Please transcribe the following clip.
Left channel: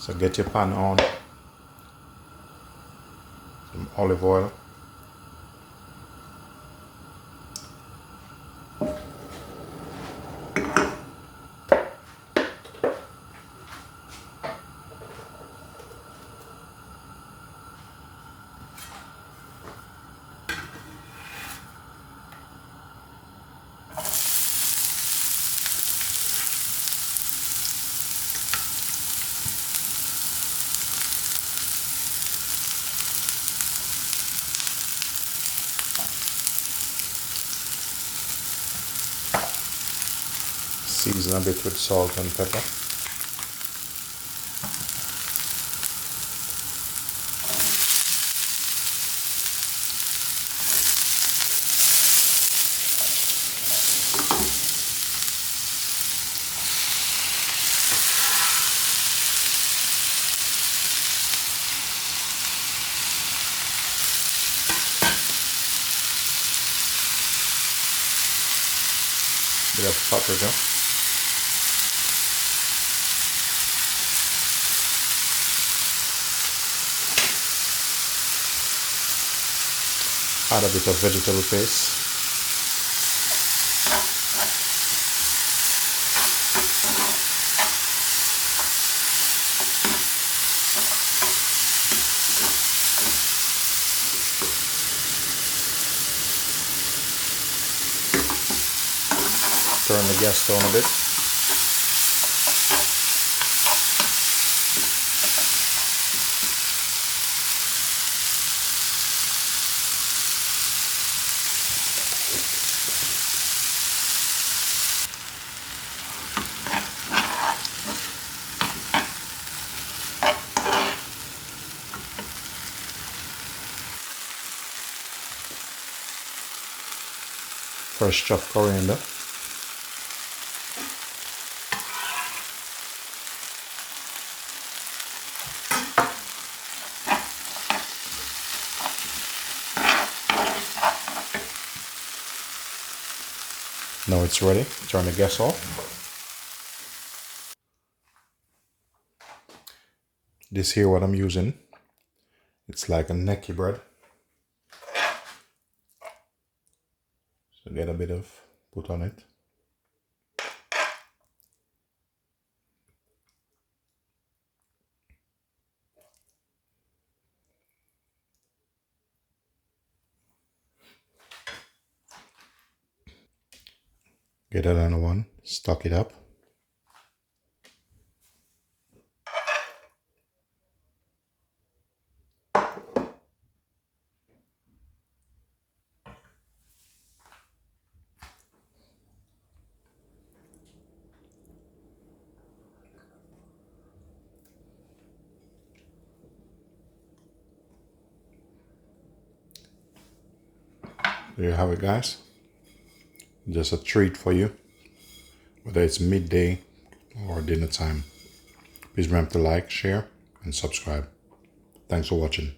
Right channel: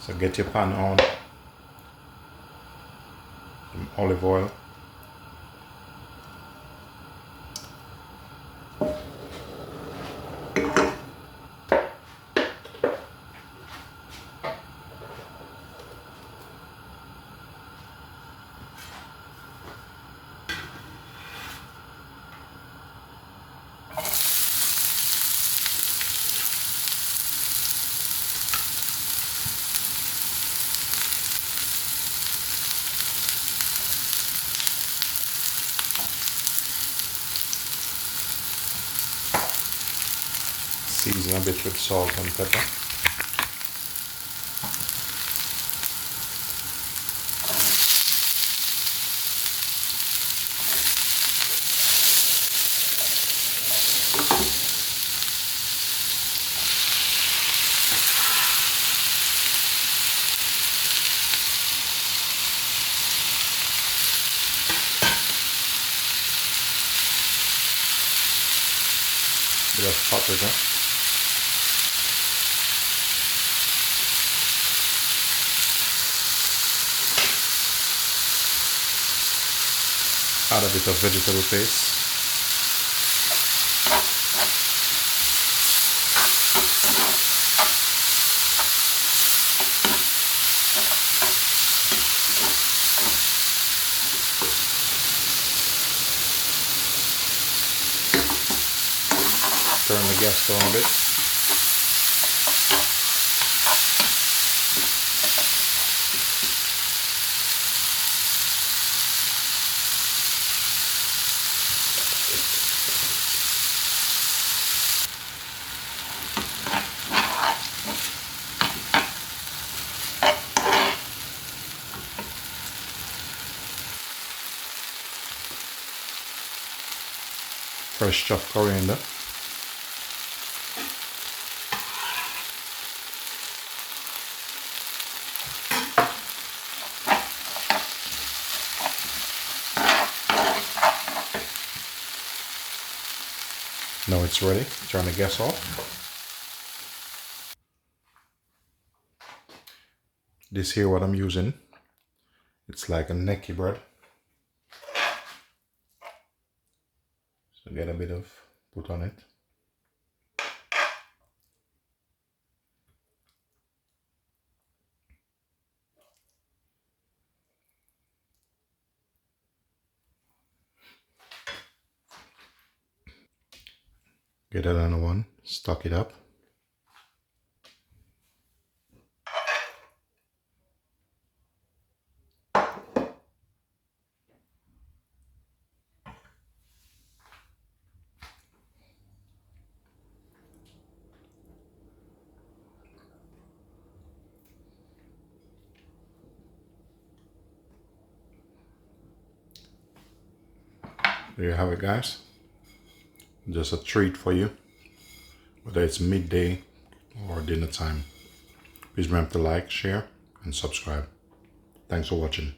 So get your pan on, some olive oil, season a bit with salt and pepper. Bit of paprika. Add a bit of vegetable paste. Turn the gas down a bit. Fresh chopped coriander. Now it's ready. Turn the gas off. This here what I'm using. It's like a necky bread. So get a bit of put on it. Get another one, stock it up. There you have it, guys. Just a treat for you, whether it's midday or dinner time. Please remember to like, share, and subscribe. Thanks for watching.